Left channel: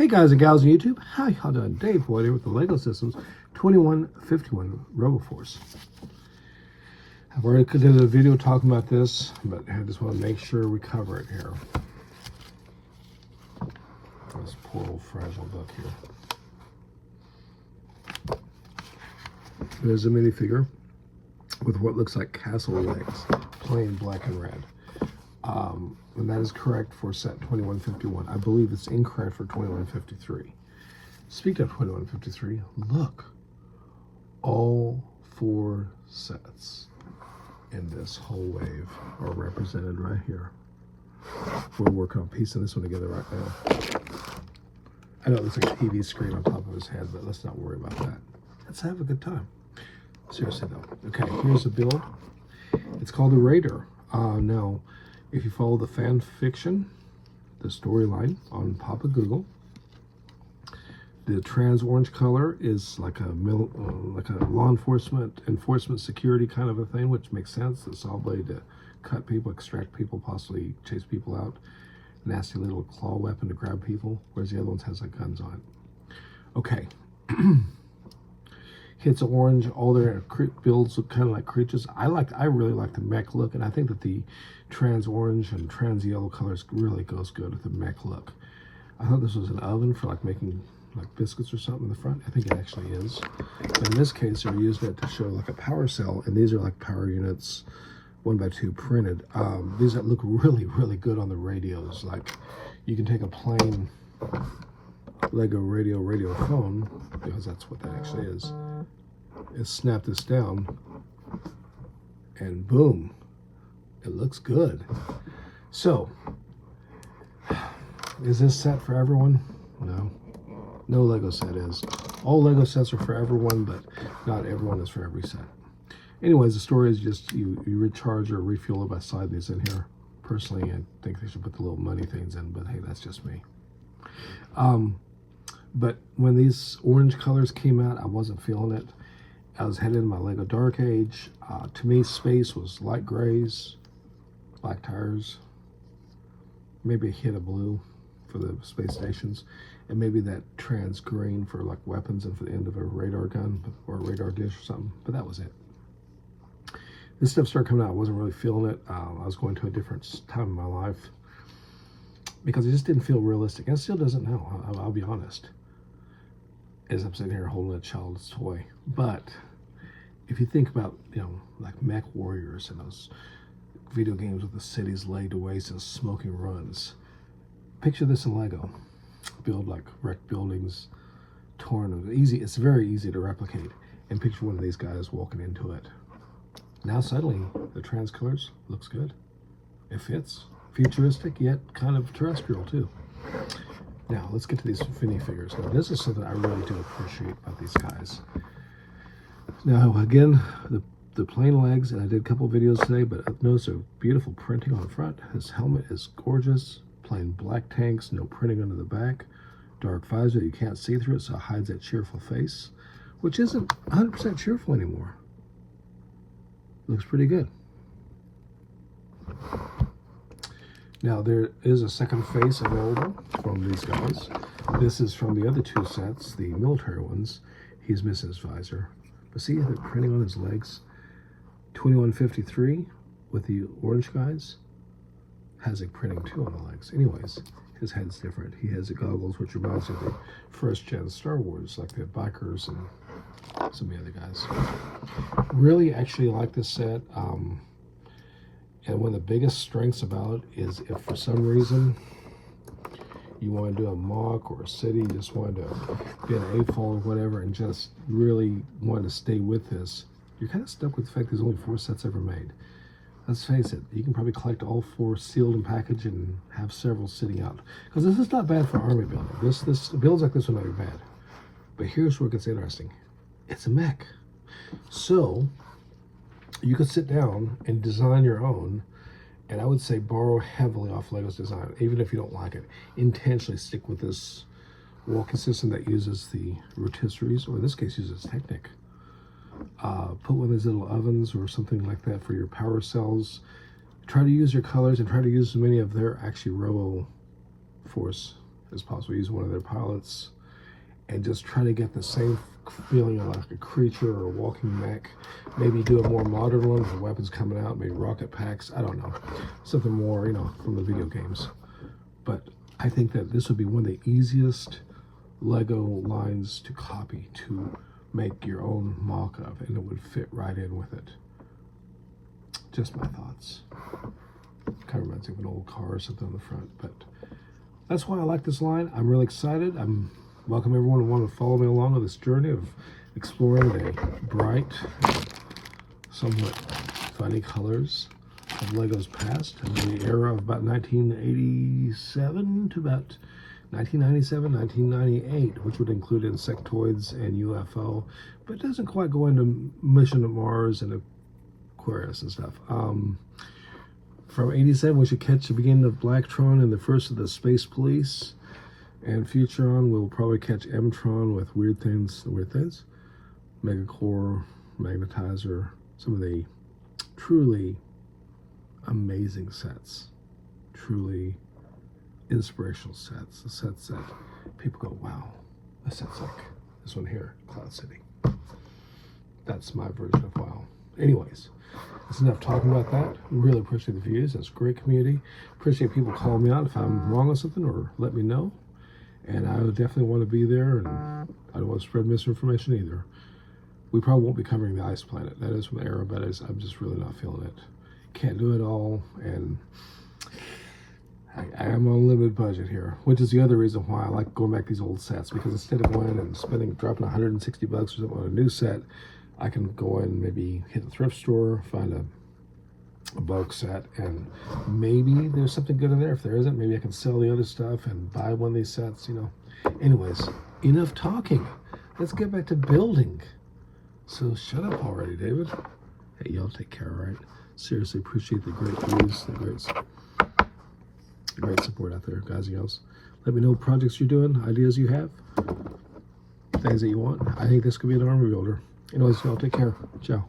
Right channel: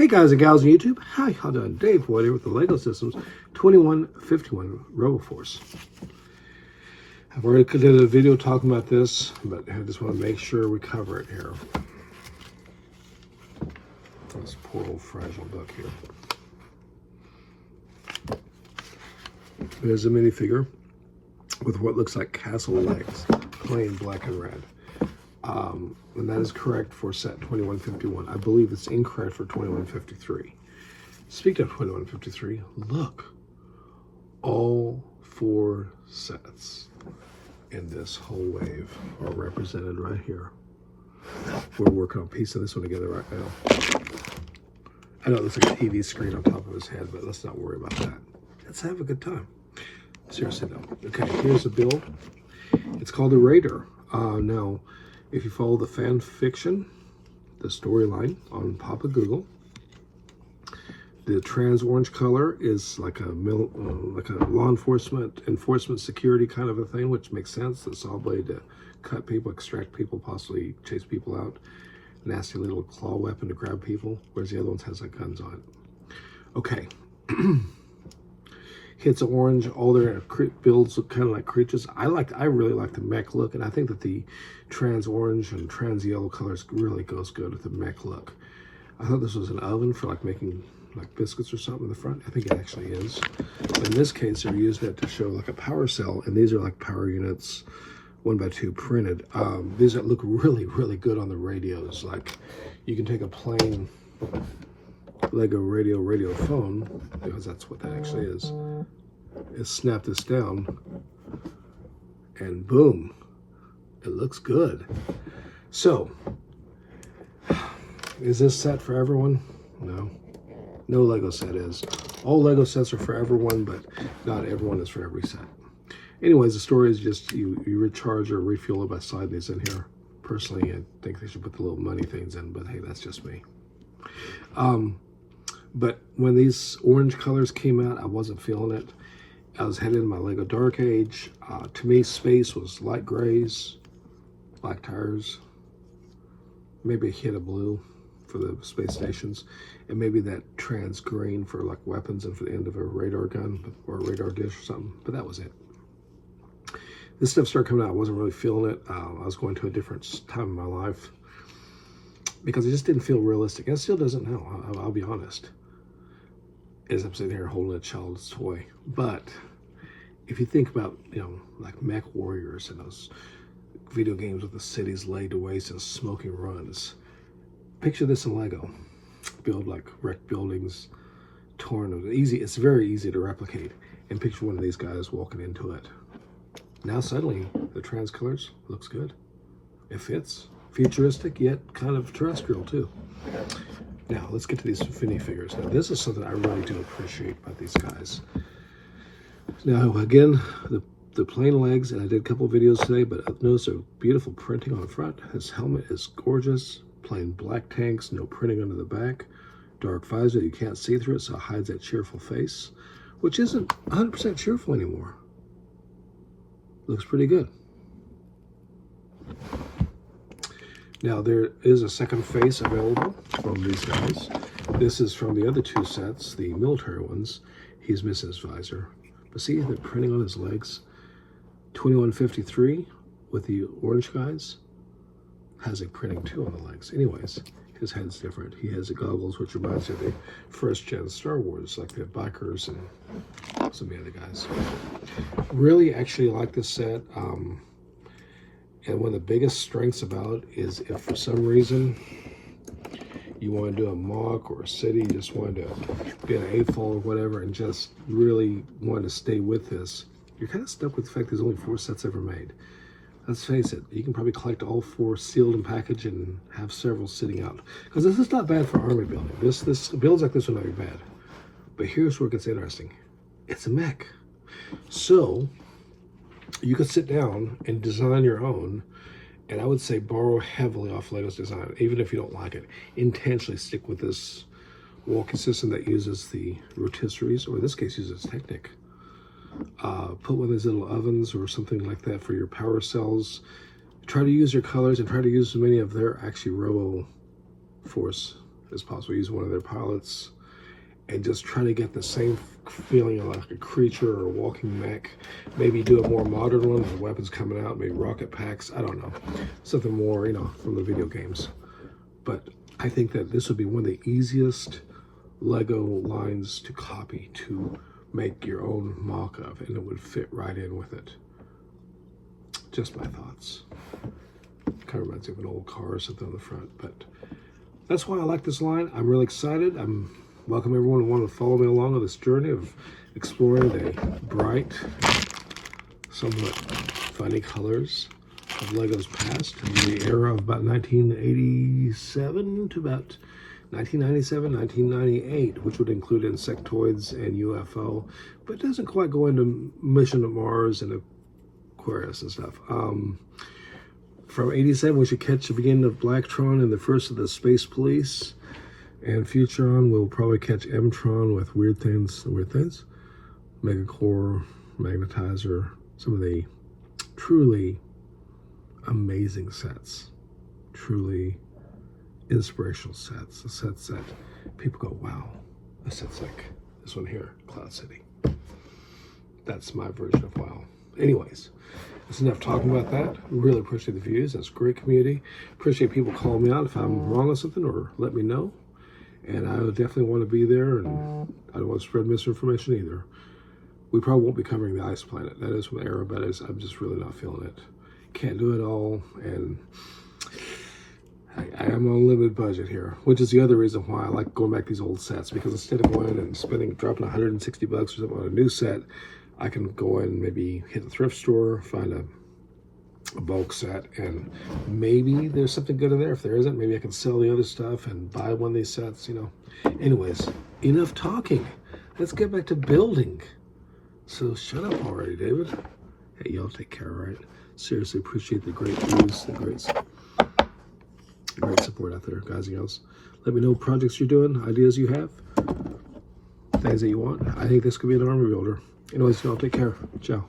Hey guys and gals on YouTube, how y'all doing? Dave Boyd here with the LEGO Systems 2151 RoboForce. I've already did a video talking about this, but I just want to make sure we cover it here. This poor old fragile book here. There's a minifigure with what looks like castle legs, plain black and red. And that is correct for set 2151. I believe it's incorrect for 2153. Speaking of 2153, look, all four sets in this whole wave are represented right here. We're working on piecing this one together right now. I know it looks like a TV screen on top of his head, but let's not worry about that. Let's have a good time. Seriously though. Okay, here's the build. It's called the Raider. Now, if you follow the fan fiction, the storyline on Papa Google, the trans orange color is like a law enforcement security kind of a thing, which makes sense. The saw blade to cut people, extract people, possibly chase people out. Nasty little claw weapon to grab people, whereas the other ones has like guns on it. Okay. Hits orange, all their builds look kind of like creatures. I really like the mech look, and I think that the trans orange and trans yellow colors really goes good with the mech look. I thought this was an oven for like making like biscuits or something in the front. I think it actually is. But in this case, they're using it to show like a power cell, and these are like power units, 1x2 printed. These look really, really good on the radios. Like you can take a plain Lego radio phone, because that's what that actually is snap this down and boom, it looks good. So is this set for everyone? No Lego set is. All Lego sets are for everyone, but not everyone is for every set. Anyways, the story is just you recharge or refuel it by sliding these in here. Personally, I think they should put the little money things in, but hey, that's just me. But when these orange colors came out, I wasn't feeling it. I was headed in my Lego Dark Age. To me, space was light grays, black tires, maybe a hint of blue for the space stations, and maybe that trans green for like weapons and for the end of a radar gun or a radar dish or something, but that was it. This stuff started coming out. I wasn't really feeling it. I was going to a different time in my life because it just didn't feel realistic. And it still doesn't now, I'll be honest. As I'm sitting here holding a child's toy. But if you think about, like Mech Warriors and those video games with the cities laid to waste and smoking runs, picture this in Lego. Build like wrecked buildings, torn, easy. It's very easy to replicate. And picture one of these guys walking into it. Now suddenly the trans colors looks good. It fits. Futuristic yet kind of terrestrial too. Now, let's get to these minifigures. Now, this is something I really do appreciate about these guys. Now, again, the plain legs, and I did a couple videos today, but notice a beautiful printing on the front. His helmet is gorgeous. Plain black tanks, no printing under the back. Dark visor, you can't see through it, so it hides that cheerful face, which isn't 100% cheerful anymore. Looks pretty good. Now, there is a second face available from these guys. This is from the other two sets, the military ones. He's missing his visor. But see the printing on his legs? 2153 with the orange guys has a printing too on the legs. Anyways, his head's different. He has the goggles, which reminds me of the first gen Star Wars, like the bikers and some of the other guys. Really actually like this set. And one of the biggest strengths about it is if for some reason you want to do a mock or a city, you just want to be an AFOL or whatever and just really want to stay with this, you're kind of stuck with the fact there's only 4 sets ever made. Let's face it, you can probably collect all 4 sealed and packaged and have several sitting out. Because this is not bad for army building. This builds like this would not be bad. But here's where it gets interesting. It's a mech. So you could sit down and design your own, and I would say borrow heavily off Lego's design, even if you don't like it. Intentionally stick with this walking system that uses the rotisseries, or in this case uses Technic. Put one of these little ovens or something like that for your power cells. Try to use your colors and try to use as many of their actually Robo Force as possible. Use one of their pilots and just try to get the same feeling like a creature or a walking mech. Maybe do a more modern one with weapons coming out, maybe rocket packs, I don't know. Something more, you know, from the video games. But I think that this would be one of the easiest Lego lines to copy, to make your own mock of, and it would fit right in with it. Just my thoughts. Kind of reminds me of an old car or something on the front, but that's why I like this line. I'm really excited. I'm welcome everyone who want to follow me along on this journey of exploring the bright, somewhat funny colors of Lego's past and the era of about 1987 to about 1997, 1998, which would include insectoids and UFO, but it doesn't quite go into Mission to Mars and Aquarius and stuff. From 87, we should catch the beginning of Blacktron and the first of the Space Police. And Futuron, we'll probably catch M-Tron with Weird Things, Megacore, Magnetizer, some of the truly amazing sets, truly inspirational sets, the sets that people go, wow, a set's like this one here, Cloud City. That's my version of wow. Anyways, that's enough talking about that. Really appreciate the views. That's a great community. Appreciate people calling me out if I'm wrong on something or let me know. And I definitely want to be there, and I don't want to spread misinformation either. We probably won't be covering the ice planet. That is from the era, but I'm just really not feeling it. Can't do it all, and I am on a limited budget here, which is the other reason why I like going back to these old sets, because instead of going and dropping $160 or something on a new set, I can go in and maybe hit the thrift store, find a bulk set, and maybe there's something good in there. If there isn't, maybe I can sell the other stuff and buy one of these sets, you know. Anyways, enough talking. Let's get back to building. So shut up already, David. Hey, y'all take care, all right? Seriously, appreciate the great views, the great support out there, guys and girls. Let me know projects you're doing, ideas you have, things that you want. I think this could be an army builder. Anyways, y'all take care. Ciao.